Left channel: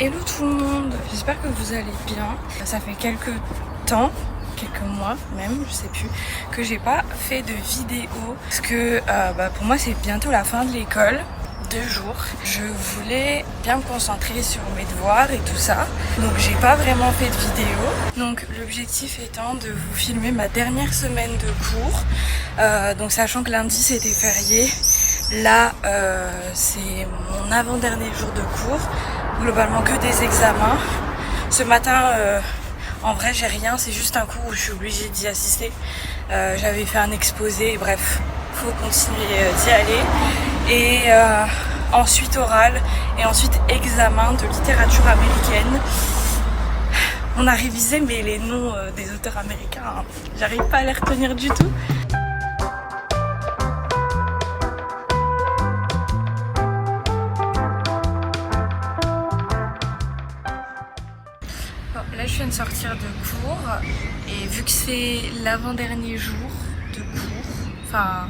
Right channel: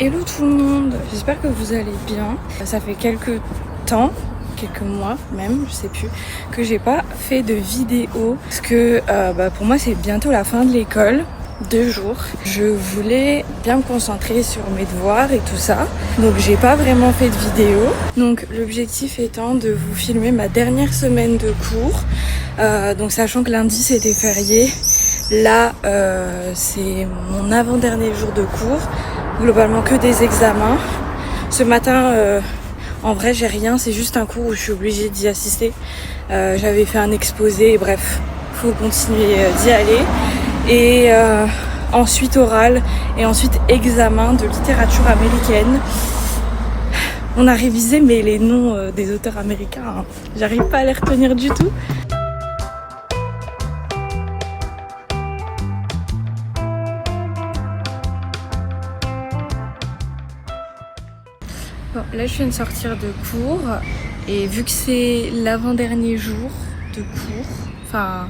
Hello tout le monde, j'espère que vous allez bien. Ça fait quelques temps, quelques mois même, je sais plus, que j'ai pas fait de vidéo parce que pour moi c'est bientôt la fin de l'école. 2 jours. Je voulais bien me concentrer sur mes devoirs et tout ça. Donc j'ai pas vraiment fait de vidéo. Donc l'objectif étant de vous filmer ma dernière semaine de cours. Donc sachant que lundi c'était férié. Là c'est mon avant-dernier jour de cours. Globalement que des examens. Ce matin en vrai j'ai rien. C'est juste un cours où je suis obligée d'y assister. J'avais fait un exposé. Bref, faut continuer d'y aller. Et ensuite oral et ensuite examen de littérature américaine. On a révisé mais les noms des auteurs américains, j'arrive pas à les retenir du tout. Bon, là je viens de sortir de cours et vu que c'est l'avant-dernier jour de cours, enfin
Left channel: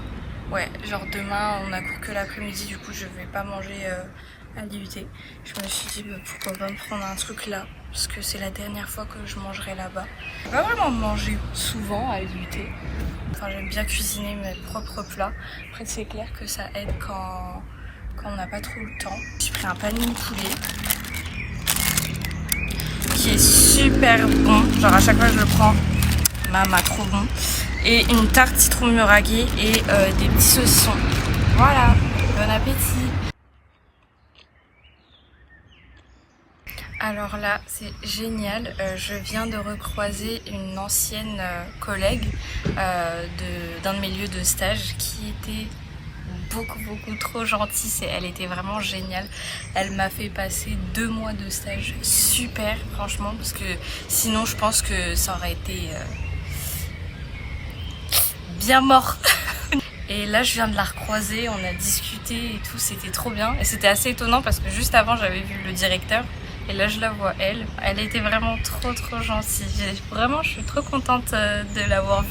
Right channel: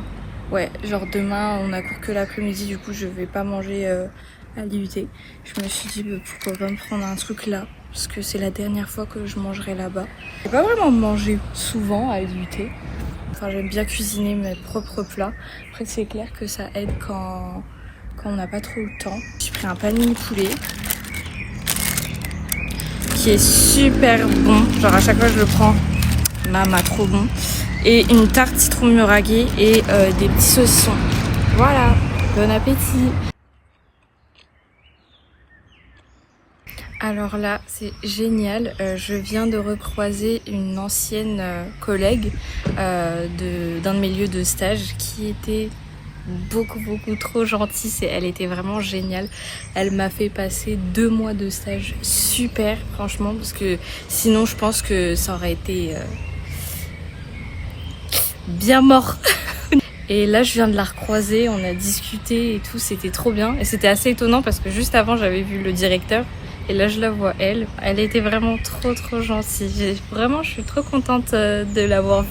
ouais, genre demain on a cours que l'après-midi, du coup je vais pas manger à l'IUT. Je me suis dit pourquoi pas me prendre un truc là, parce que c'est la dernière fois que je mangerai là-bas. J'ai pas vraiment mangé souvent à l'IUT. Enfin j'aime bien cuisiner mes propres plats. Après c'est clair que ça aide quand on n'a pas trop le temps. J'ai pris un panier poulet qui est super bon. Genre à chaque fois je le prends, maman trop bon. Et une tarte citron mûraguée et des petits saucissons. Voilà, bon appétit. Alors là, c'est génial. Je viens de recroiser une ancienne collègue d'un de mes lieux de stage qui était beaucoup trop gentille. Elle était vraiment géniale. Elle m'a fait passer 2 mois de stage super, franchement, parce que sinon je pense que ça aurait été bien mort. Et là je viens de la recroiser, on a discuté et tout, c'était trop bien. Et c'était assez étonnant parce que juste avant j'avais vu le directeur. Et là je la vois elle était vraiment trop gentille. Vraiment je suis trop contente de l'avoir vue.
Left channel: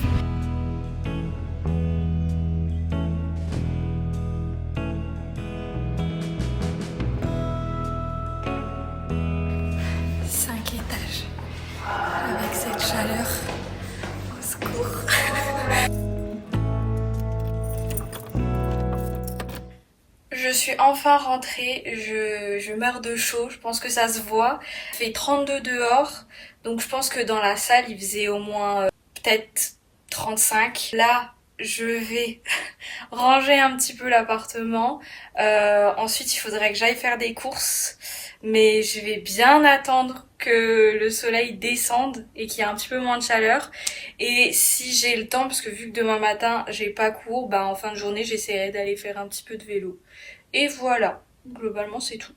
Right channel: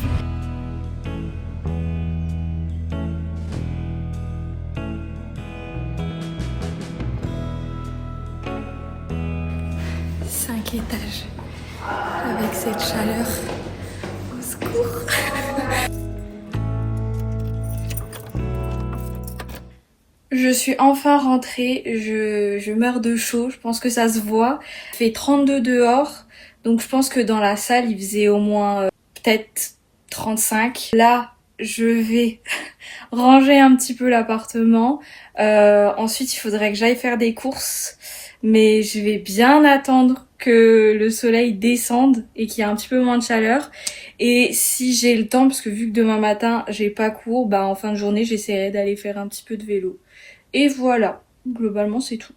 Avec cette chaleur, au secours. Je suis enfin rentrée, je meurs de chaud, je pense que ça se voit. Il fait 32 dehors, donc je pense que dans la salle il faisait au moins peut-être 35. Là, je vais ranger un petit peu l'appartement. Ensuite, il faudrait que j'aille faire des courses. Mais je vais bien attendre que le soleil descende et qu'il y ait un petit peu moins de chaleur. Et si j'ai le temps, parce que vu que demain matin, j'ai pas cours, bah en fin de journée, j'essaierai d'aller faire un petit peu de vélo. Et voilà, globalement, c'est tout.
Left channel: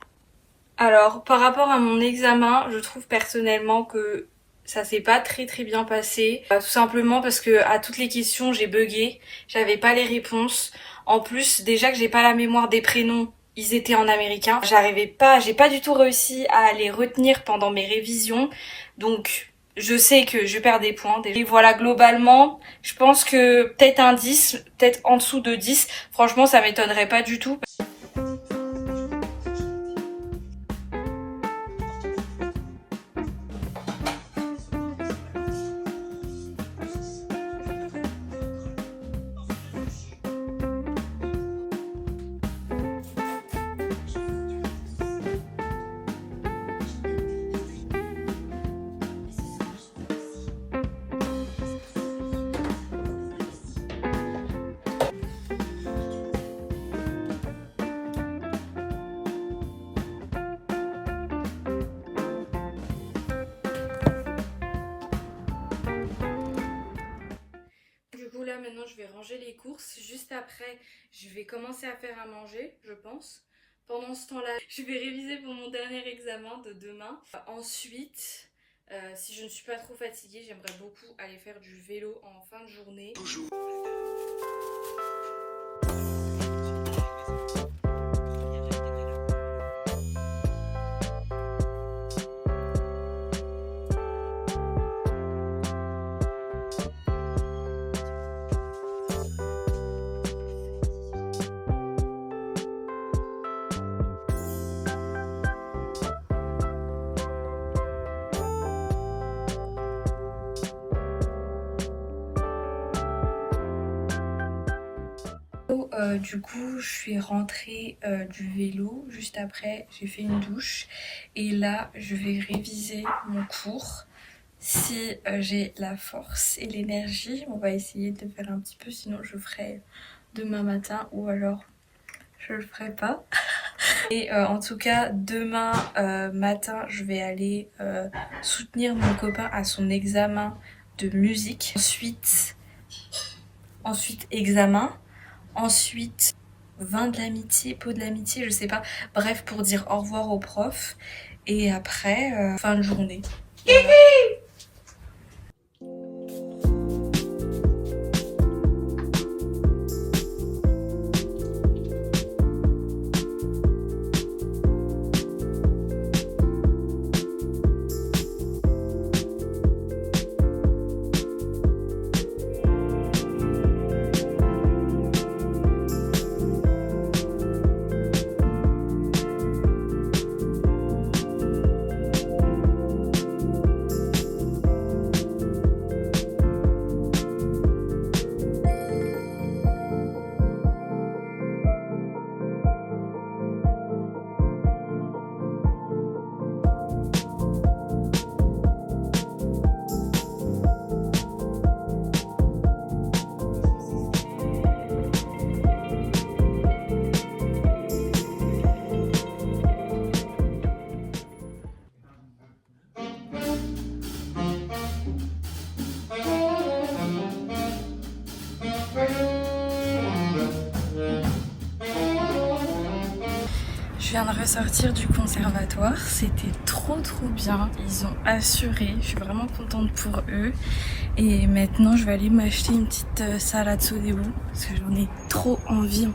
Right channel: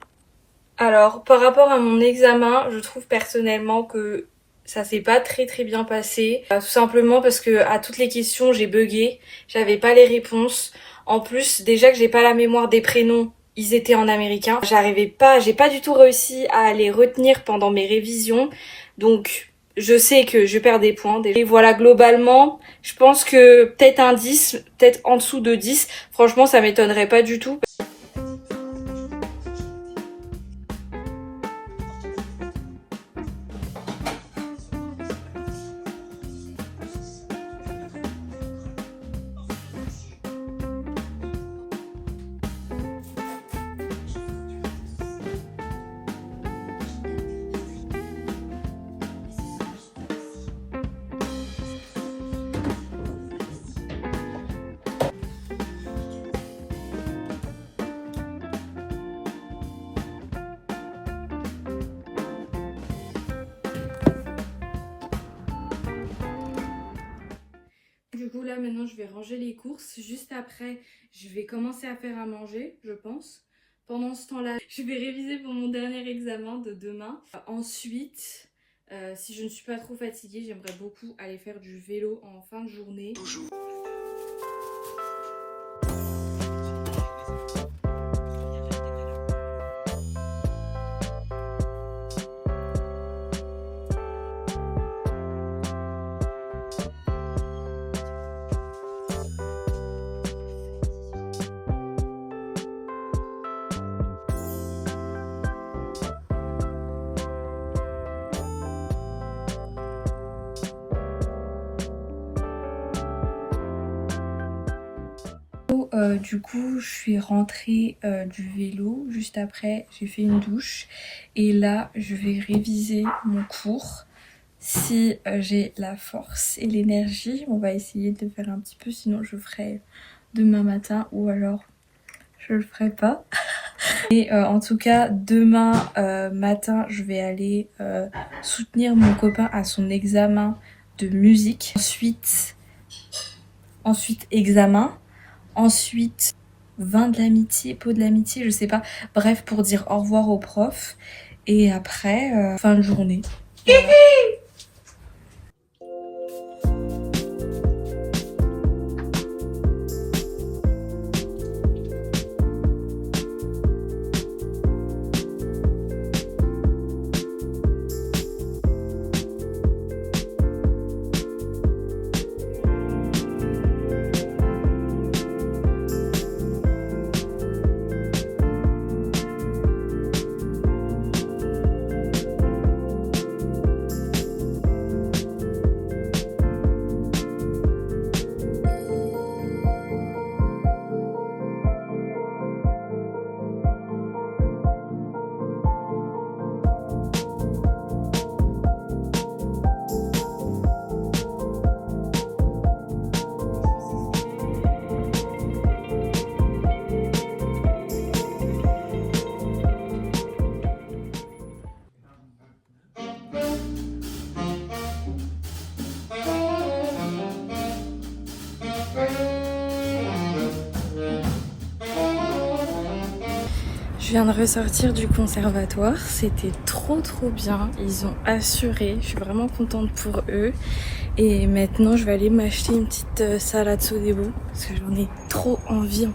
Alors, par rapport à mon examen, je trouve personnellement que ça s'est pas très bien passé. Tout simplement parce que à toutes les questions, j'ai bugué. J'avais pas les réponses. En plus, déjà que j'ai pas la mémoire des prénoms, ils étaient en américain. J'ai pas du tout réussi à les retenir pendant mes révisions. Donc, je sais que je perds des points. Et voilà, globalement, je pense que peut-être un 10, peut-être en dessous de 10. Franchement, ça m'étonnerait pas du tout. Du coup là maintenant je vais ranger les courses. Juste après je vais commencer à faire à manger, je pense. Pendant ce temps-là je vais réviser pour mon dernier examen de demain. Ensuite si je ne suis pas trop fatiguée, j'aimerais beaucoup aller faire du vélo en fin de journée. Du coup, je suis rentrée du vélo. Juste après, j'ai fait une douche. Et là, je vais réviser mon cours. Si j'ai la force et l'énergie, on va essayer de faire un petit peu. Sinon, je ferai demain matin ou alors je le ferai pas. Et en tout cas, demain matin, je vais aller soutenir mon copain à son examen de musique. Ensuite examen. Ensuite, vin de l'amitié, pot de l'amitié, je sais pas. Bref, pour dire au revoir au prof. Et après, fin de journée. Je viens de ressortir du conservatoire, c'était trop bien, ils ont assuré, je suis vraiment contente pour eux. Et maintenant je vais aller m'acheter une petite salade sodebo parce que j'en ai trop envie.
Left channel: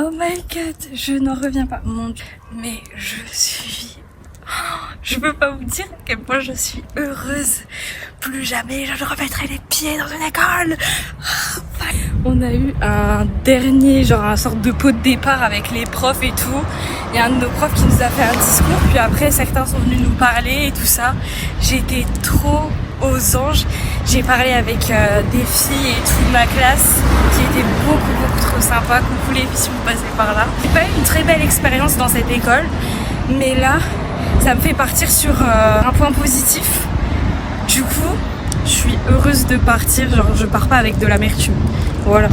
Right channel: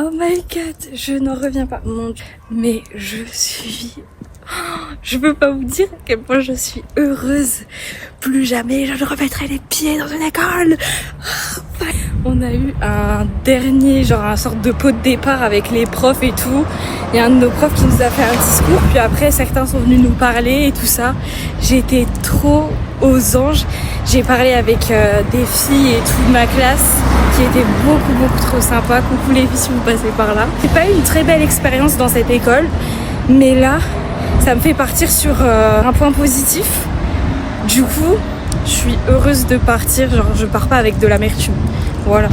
Oh my god, je n'en reviens pas. Mon Dieu, mais je peux pas vous dire à quel point je suis heureuse. Plus jamais je ne remettrai les pieds dans une école. On a eu un dernier, genre un sorte de pot de départ avec les profs et tout. Il y a un de nos profs qui nous a fait un discours, puis après certains sont venus nous parler et tout ça. J'ai été trop aux anges. J'ai parlé avec des filles et toute ma classe qui était beaucoup trop sympa. Coucou les filles si vous passez par là. J'ai pas eu une très belle expérience dans cette école, mais là ça me fait partir sur un point positif. Du coup je suis heureuse de partir, genre je pars pas avec de l'amertume. Voilà.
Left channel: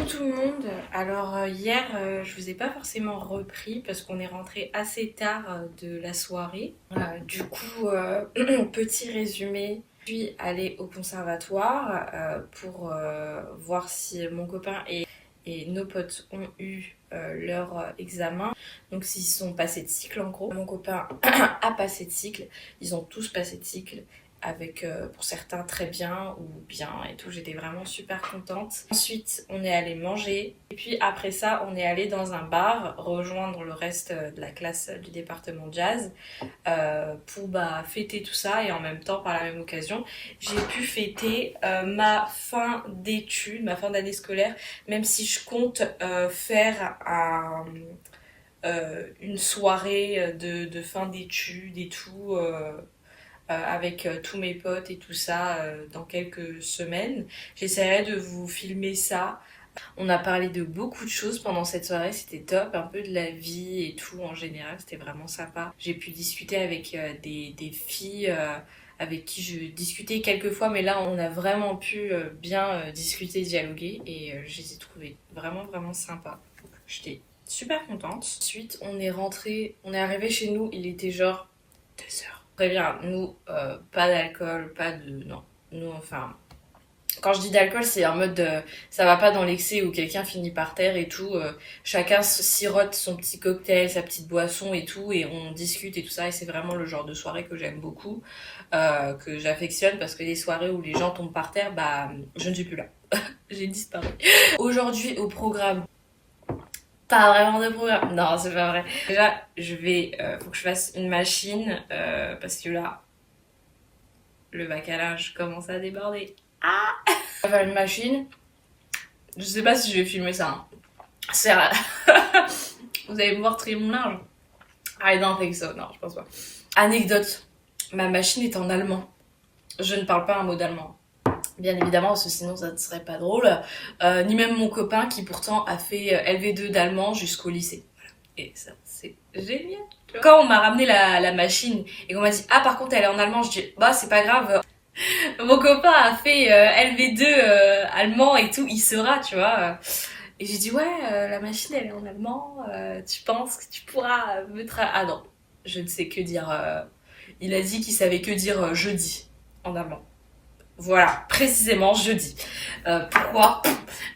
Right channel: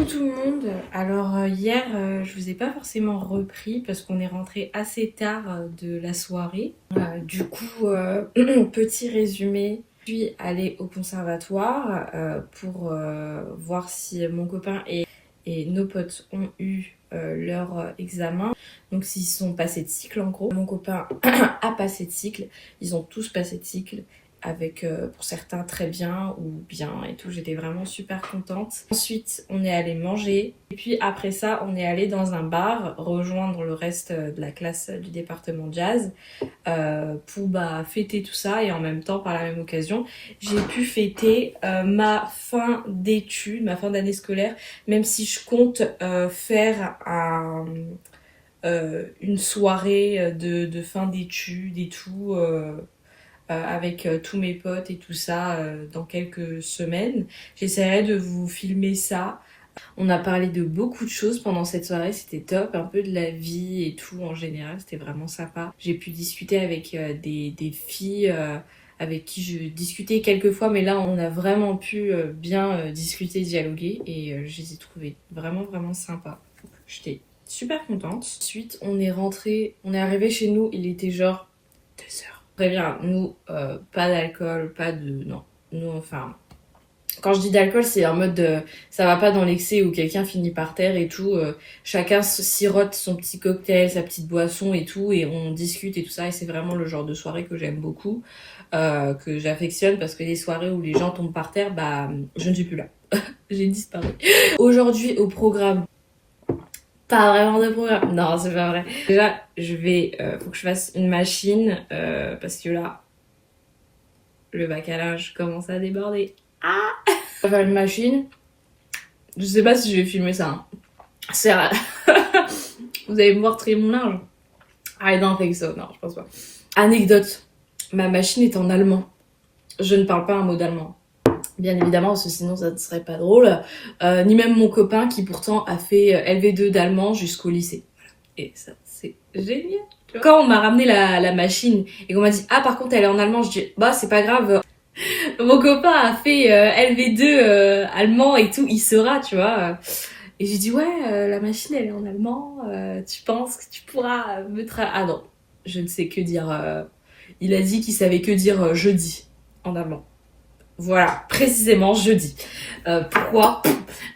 Coucou tout le monde. Alors hier je vous ai pas forcément repris parce qu'on est rentré assez tard de la soirée. Du coup petit résumé. Je suis allée au conservatoire pour voir si mon copain et nos potes ont eu leur examen. Donc s'ils sont passés de cycle en gros. Mon copain a passé de cycle. Ils ont tous passé de cycle. Avec pour certains très bien ou bien et tout, j'étais vraiment super contente. Ensuite on est allé manger et puis après ça on est allé dans un bar rejoindre le reste de la classe du département jazz pour fêter tout ça, et en même temps par la même occasion j'ai pu fêter ma fin d'études, ma fin d'année scolaire, même si je compte faire une soirée de fin d'études et tout avec tous mes potes et tout ça dans quelques semaines. J'essaierai de vous filmer ça. On a parlé de beaucoup de choses pendant cette soirée, c'était top, un peu de la vie et tout en général, c'était vraiment sympa. J'ai pu discuter avec des filles avec qui je discutais quelques fois, mais là on a vraiment pu bien discuter, dialoguer, et je les ai trouvées vraiment vraiment sympas. J'étais super contente. Ensuite on est arrivé chez nous, il était genre 2h. Très bien, nous, pas d'alcool, pas de... Non, nous, enfin... Quand je dis d'alcool, c'est en mode... ça va pas dans l'excès où quelqu'un finit par terre et tout. Chacun sirote son petit cocktail, sa petite boisson et tout, et on discute et tout ça. Et c'est vraiment le genre de soirée que j'aime beaucoup, que j'affectionne, parce que les soirées où les gens tombent par terre, je ne suis plus là. J'ai disparu. Aujourd'hui, au programme... Pas vraiment de programme. Non, c'est pas vrai. Déjà, faut que je fasse une machine parce que là, le bac à linge commence à déborder. Ah! Je vais faire une machine. Je sais pas si je vais filmer ça. Hein. C'est vrai. Vous allez me voir trier mon linge. I don't think so. Non, je pense pas. Anecdote. Ma machine est en allemand. Je ne parle pas un mot d'allemand. Bien évidemment, parce que sinon ça ne serait pas drôle. Ni même mon copain qui pourtant a fait LV2 d'allemand jusqu'au lycée. Et ça, c'est génial. Quand on m'a ramené la machine et qu'on m'a dit « Ah, par contre, elle est en allemand », je dis « Bah, c'est pas grave. Mon copain a fait LV2 allemand et tout, il saura, tu vois. » Et j'ai dit « Ouais, la machine, elle est en allemand. Tu penses que tu pourras me Ah non, je ne sais que dire... Il a dit qu'il savait que dire jeudi en allemand. Voilà, précisément jeudi. Pourquoi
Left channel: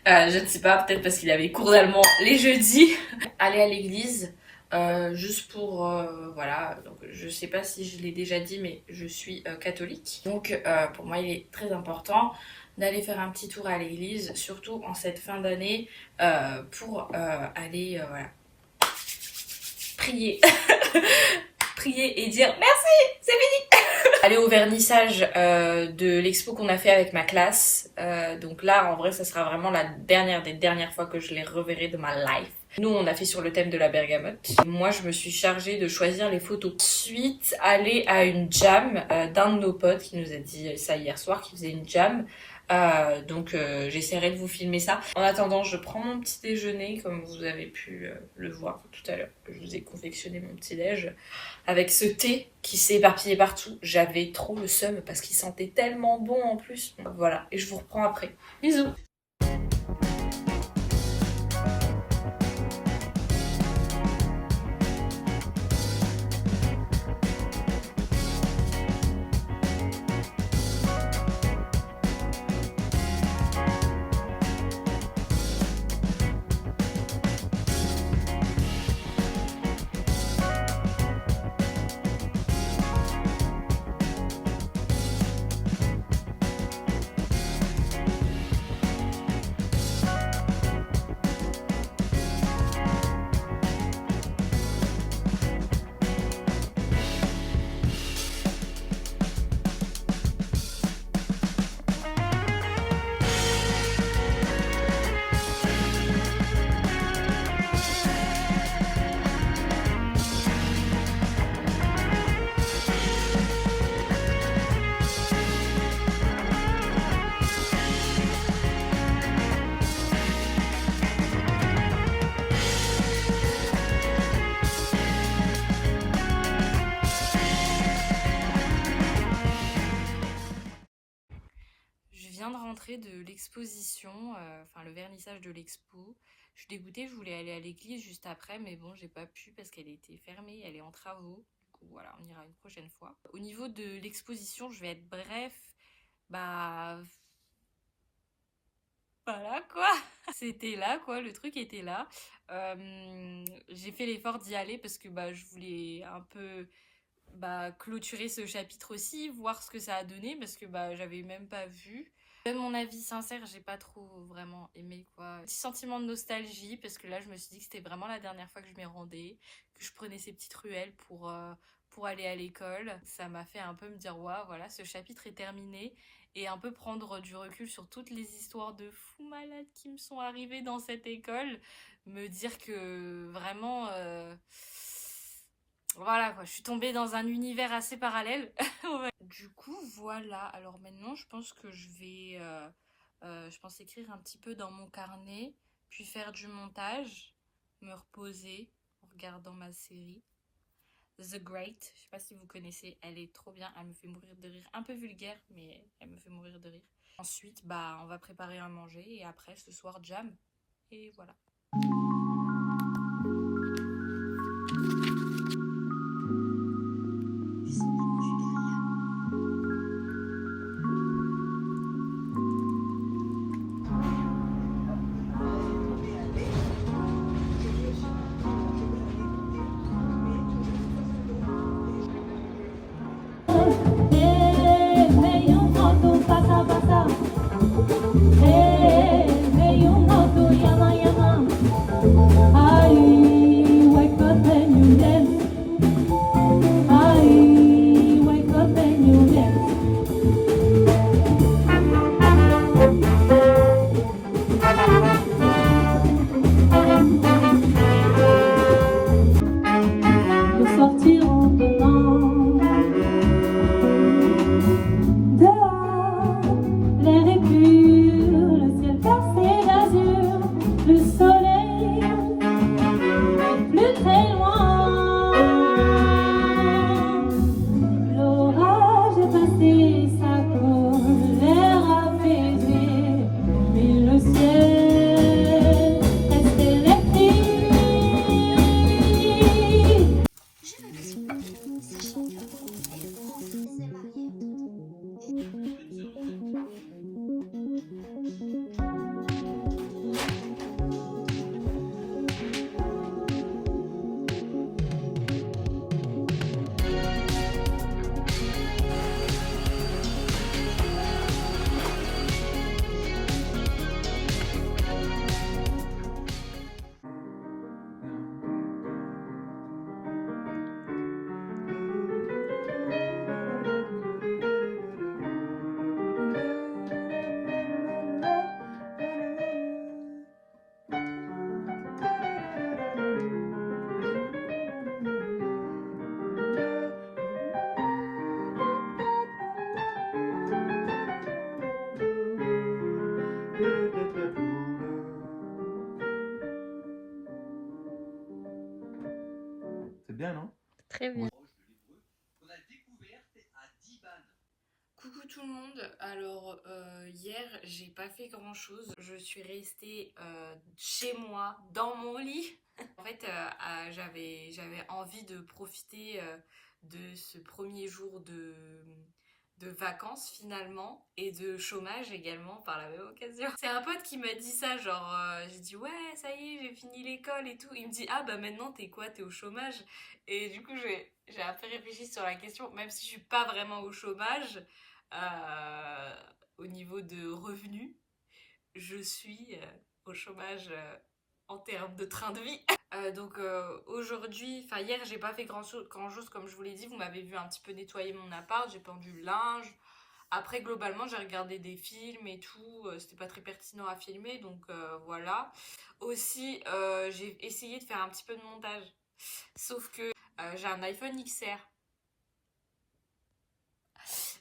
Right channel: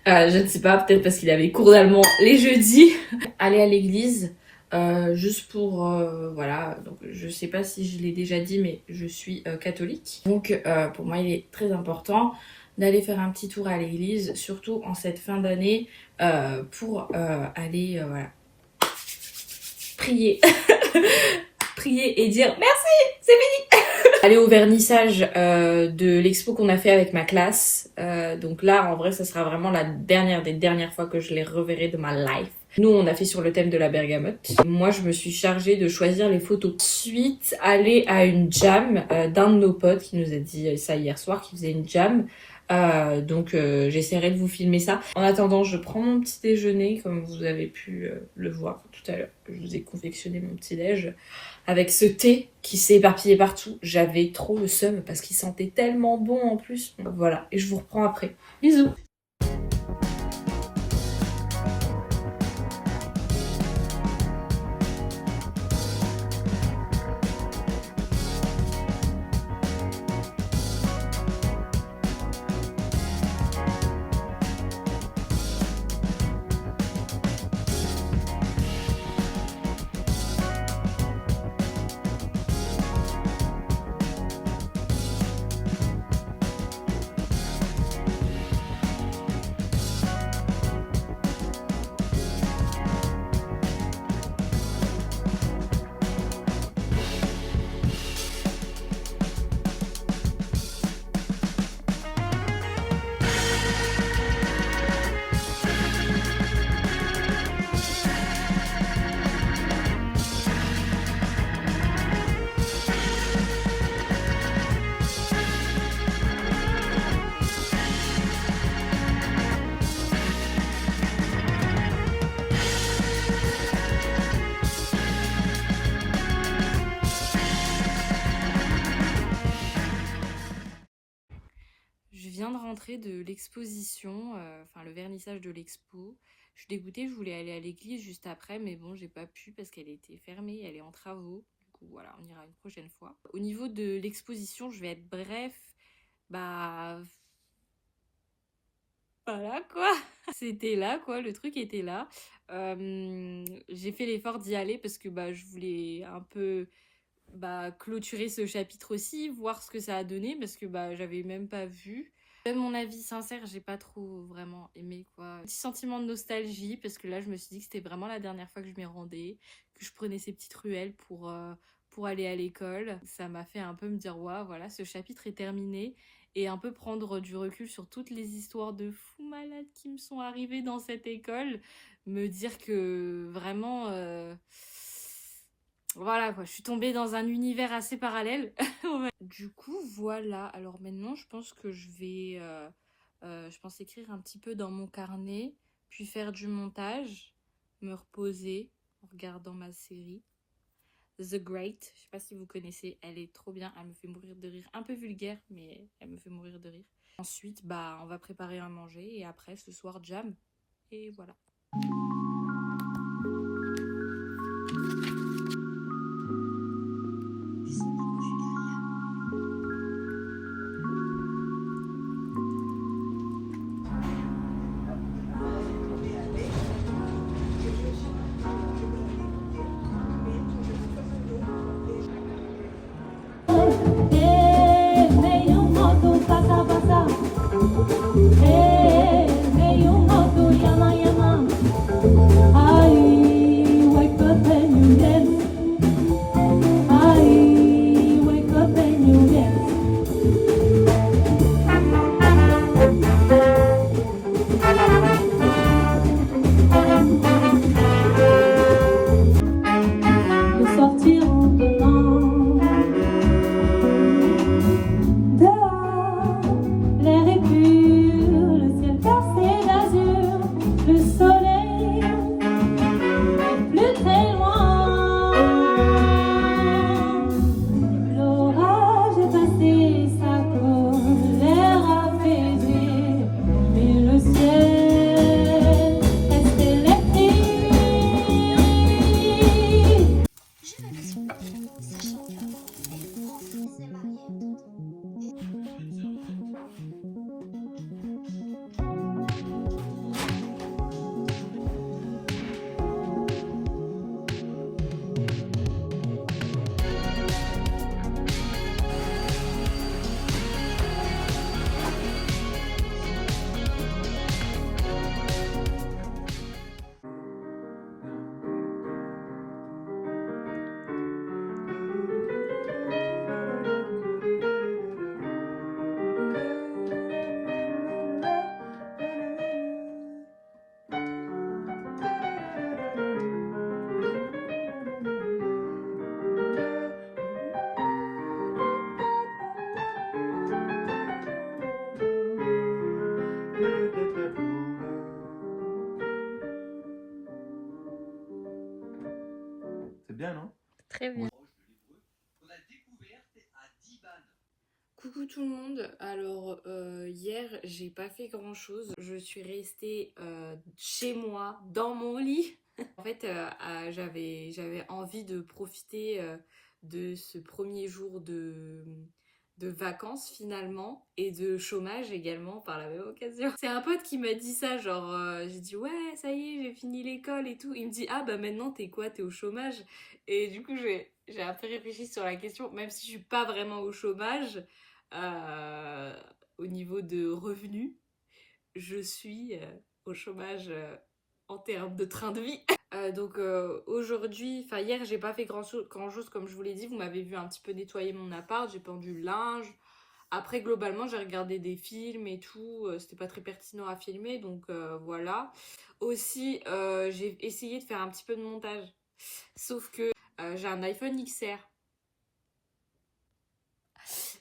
je ne sais pas, peut-être parce qu'il avait cours d'allemand les jeudis. Aller à l'église, juste pour... voilà, donc je sais pas si je l'ai déjà dit, mais je suis catholique. Donc pour moi, il est très important d'aller faire un petit tour à l'église, surtout en cette fin d'année, pour aller voilà, prier. Prier et dire merci, c'est fini. Aller au vernissage de l'expo qu'on a fait avec ma classe. Donc là, en vrai, ça sera vraiment la dernière des dernières fois que je les reverrai de ma life. Nous, on a fait sur le thème de la bergamote. Moi, je me suis chargée de choisir les photos. Ensuite, aller à une jam d'un de nos potes qui nous a dit ça hier soir, qui faisait une jam. Donc j'essaierai de vous filmer ça. En attendant, je prends mon petit déjeuner, comme vous avez pu le voir tout à l'heure. Je vous ai confectionné mon petit déj avec ce thé qui s'est éparpillé partout. J'avais trop le seum parce qu'il sentait tellement bon en plus. Donc, voilà, et je vous reprends après. Bisous. l'exposition, enfin le vernissage de l'expo. Je suis dégoûtée, je voulais aller à l'église juste après, mais bon, j'ai pas pu parce qu'elle était fermée, elle est en travaux. Du coup, voilà, on ira une prochaine fois. Au niveau de l'exposition, je vais être bref. Bah, voilà quoi. C'était là quoi, le truc était là. J'ai fait l'effort d'y aller parce que bah, je voulais un peu clôturer ce chapitre aussi, voir ce que ça a donné parce que bah, j'avais même pas vu. Même mon avis sincère, j'ai pas trop vraiment aimé quoi. Petit sentiment de nostalgie parce que là je me suis dit que c'était vraiment la dernière fois que je m'y rendais, que je prenais ces petites ruelles pour aller à l'école. Ça m'a fait un peu me dire waouh, voilà, ce chapitre est terminé et un peu prendre du recul sur toutes les histoires de fous malades qui me sont arrivées dans cette école. Me dire que vraiment... voilà quoi, je suis tombée dans un univers assez parallèle. Ouais. Du coup, voilà. Alors maintenant, je pense que je pense écrire un petit peu dans mon carnet, puis faire du montage, me reposer en regardant ma série The Great. Je sais pas si vous connaissez, elle est trop bien, elle me fait mourir de rire. Un peu vulgaire, mais elle me fait mourir de rire. Ensuite, bah, on va préparer à manger et après, ce soir, jam. Et voilà. C'est bien, non? Très bien. Coucou tout le monde, alors hier j'ai pas fait grand chose, je suis restée chez moi dans mon lit. En fait j'avais envie de profiter de ce premier jour de vacances finalement et de chômage également par la même occasion. C'est un pote qui m'a dit ça, genre j'ai dit ouais ça y est j'ai fini l'école et tout, il me dit ah bah maintenant t'es quoi, t'es au chômage? Et du coup j'ai un peu réfléchi sur la question, même si je suis pas vraiment au chômage. Au niveau de revenus, je suis au chômage en termes de train de vie. Donc aujourd'hui, enfin hier, j'ai pas fait grand chose comme je vous l'ai dit. Vous m'avez vu un petit peu nettoyer mon appart, j'ai pendu le linge. Après, globalement, j'ai regardé des films et tout. C'était pas très pertinent à filmer, donc voilà. Aussi, j'ai essayé de faire un petit peu de montage. Sauf que j'ai un iPhone XR.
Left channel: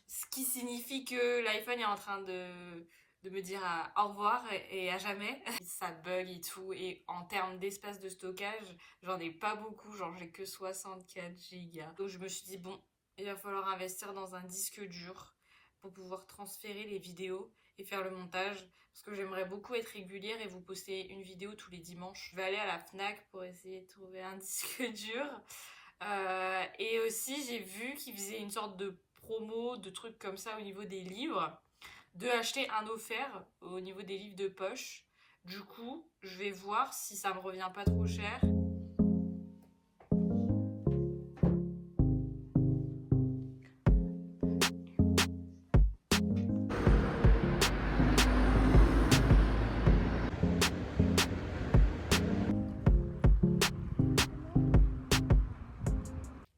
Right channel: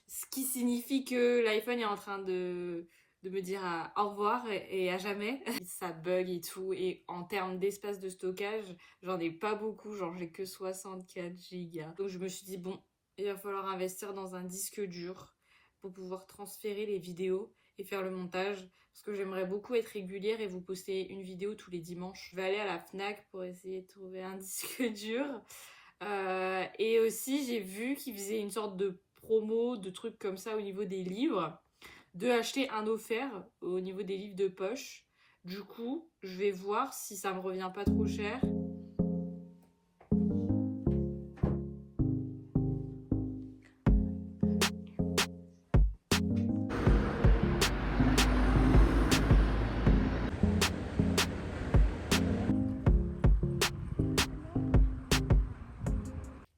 Ce qui signifie que l'iPhone est en train de me dire au revoir et à jamais. Ça bug et tout. Et en termes d'espace de stockage, j'en ai pas beaucoup. Genre, j'ai que 64 gigas. Donc, je me suis dit, bon, il va falloir investir dans un disque dur pour pouvoir transférer les vidéos et faire le montage. Parce que j'aimerais beaucoup être régulière et vous poster une vidéo tous les dimanches. Je vais aller à la Fnac pour essayer de trouver un disque dur. Et aussi, j'ai vu qu'ils faisaient une sorte de promo, de trucs comme ça au niveau des livres, de acheter un offert au niveau des livres de poche. Du coup, je vais voir si ça me revient pas trop cher.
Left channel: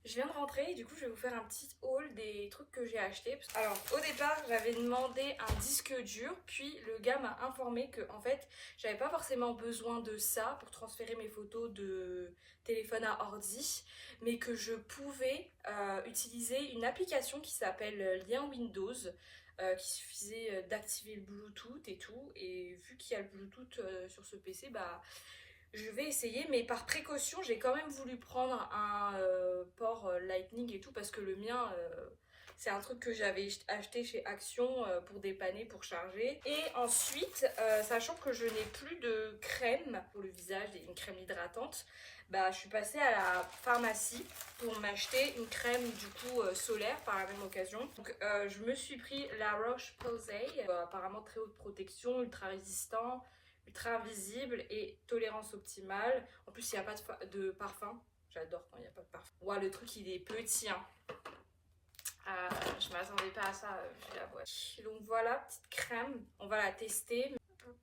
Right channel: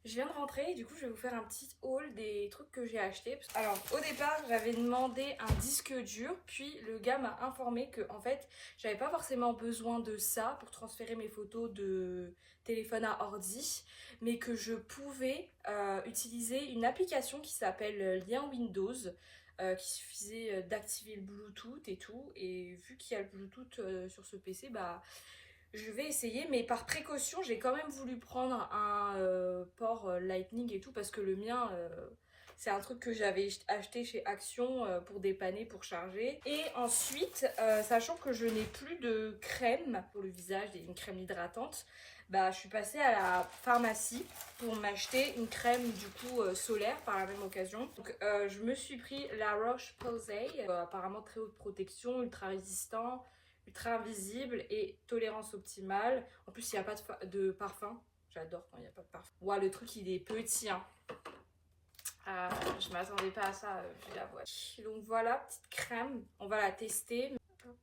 Je viens de rentrer et du coup je vais vous faire un petit haul des trucs que j'ai achetés. Alors au départ j'avais demandé un disque dur, puis le gars m'a informé que en fait j'avais pas forcément besoin de ça pour transférer mes photos de téléphone à ordi, mais que je pouvais utiliser une application qui s'appelle Lien Windows. Qui suffisait d'activer le Bluetooth et tout, et vu qu'il y a le Bluetooth sur ce PC, bah je vais essayer, mais par précaution, j'ai quand même voulu prendre un port Lightning et tout, parce que le mien, c'est un truc que j'avais acheté chez Action pour dépanner, pour charger. Et ensuite, sachant que je n'ai plus de crème pour le visage, une crème hydratante, bah je suis passée à la pharmacie pour m'acheter une crème du coup solaire par la même occasion. Donc je me suis pris la Roche-Posay, apparemment très haute protection, ultra résistant, ultra invisible et tolérance optimale. En plus, il n'y a pas de parfum. J'adore quand il n'y a pas de parfum. Ouah, le truc, il est petit, hein. Je m'attendais pas à ça, je la vois. Donc voilà, petite crème. On va la tester. Hop.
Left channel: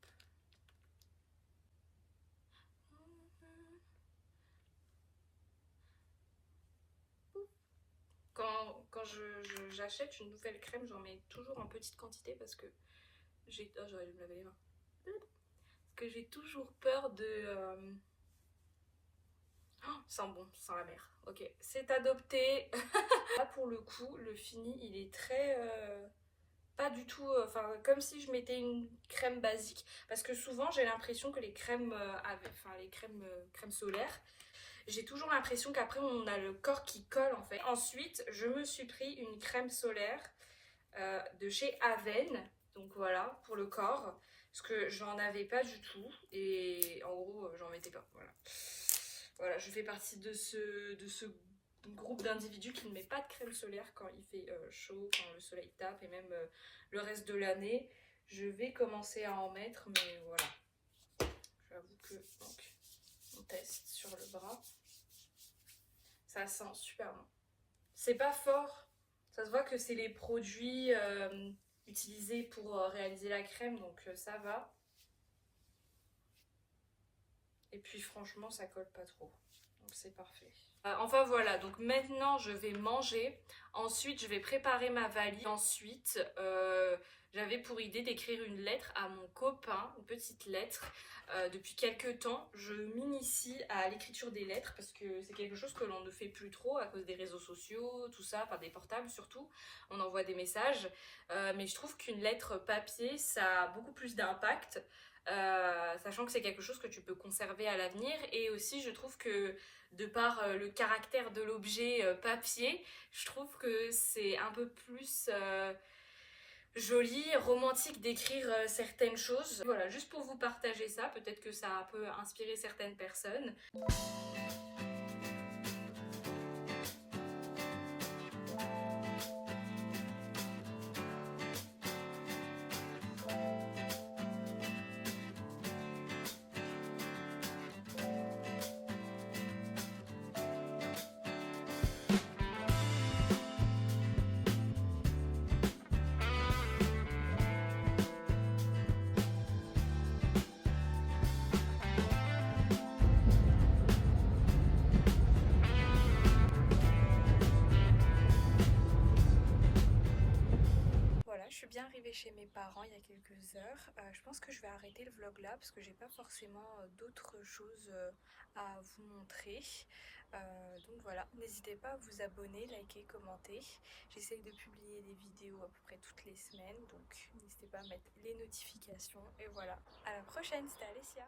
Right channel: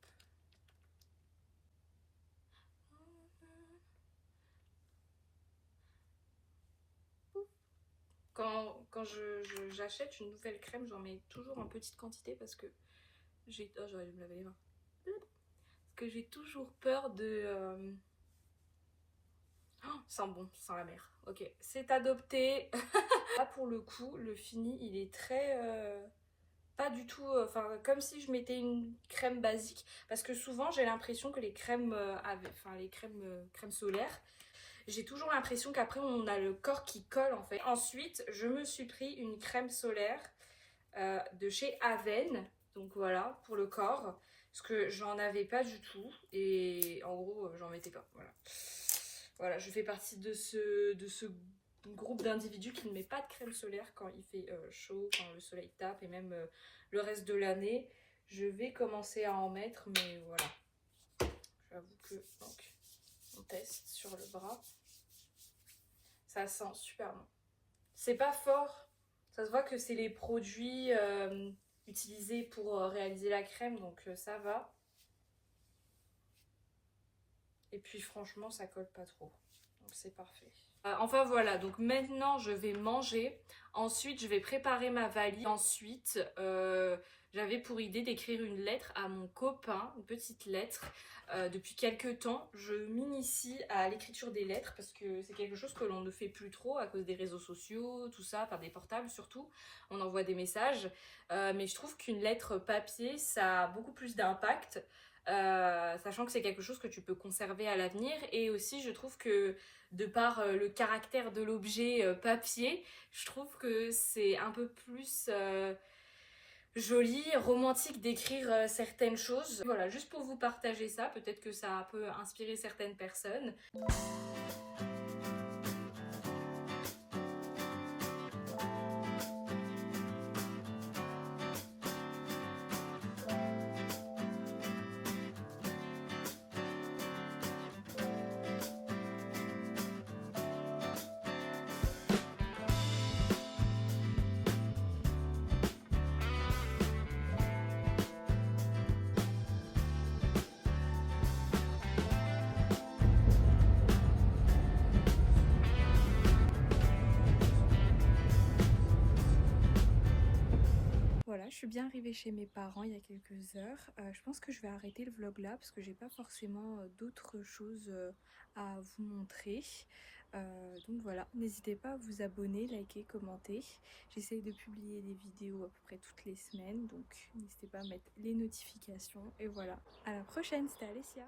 Quand j'achète une nouvelle crème, j'en mets toujours en petite quantité parce que j'ai... Oh, j'aurais dû me laver les mains. Parce que j'ai toujours peur de... Oh, sent bon, sent la mer. Ok, c'est adopté. Là pour le coup, le fini, il est très... pas du tout... Enfin, comme si je mettais une crème basique. Parce que souvent, j'ai l'impression que les crèmes enfin, les crèmes solaires, j'ai toujours l'impression qu'après, on a le corps qui colle, en fait. Ensuite, je me suis pris une crème solaire de chez Aven. Donc voilà, pour le corps. Parce que j'en avais pas du tout. Et en gros, j'en mettais pas. Voilà. Voilà, je fais partie de ce groupe d'individus qui ne met pas de crème solaire quand il fait chaud, quand le soleil tape et même le reste de l'année. Je vais commencer à en mettre, mais voilà. J'avoue que donc, on teste sur le bras. Ça sent super bon. C'est pas fort. Ça se voit que c'est les produits utilisés pour réaliser la crème, donc ça va. Et puis franchement, ça colle pas trop. Donc c'est parfait. Enfin voilà, donc maintenant je vais manger. Ensuite, je vais préparer ma valise. Ensuite, j'avais pour idée d'écrire une lettre à mon copain, une petite lettre. Depuis quelques temps, je m'initie à l'écriture des lettres parce que c'est quelque chose que l'on ne fait plus trop à cause des réseaux sociaux, tout ça, enfin des portables surtout. On envoie des messages. Mais je trouve qu'une lettre papier, ça a beaucoup plus d'impact. Sachant que c'est quelque chose que tu peux conserver à l'avenir, et aussi je trouve que de par le caractère de l'objet papier, je trouve que c'est un peu plus joli, romantique d'écrire certaines choses. Voilà, juste pour vous partager ça, peut-être que ça peut inspirer certaines personnes. Voilà, je suis bien arrivée chez mes parents il y a quelques heures. Je pense que je vais arrêter le vlog là parce que j'ai pas forcément d'autres choses à vous montrer. Donc voilà, n'hésitez pas à vous abonner, liker, commenter. J'essaye de publier des vidéos à peu près toutes les semaines, donc n'hésitez pas à mettre les notifications. Et voilà, à la prochaine, c'était Alessia.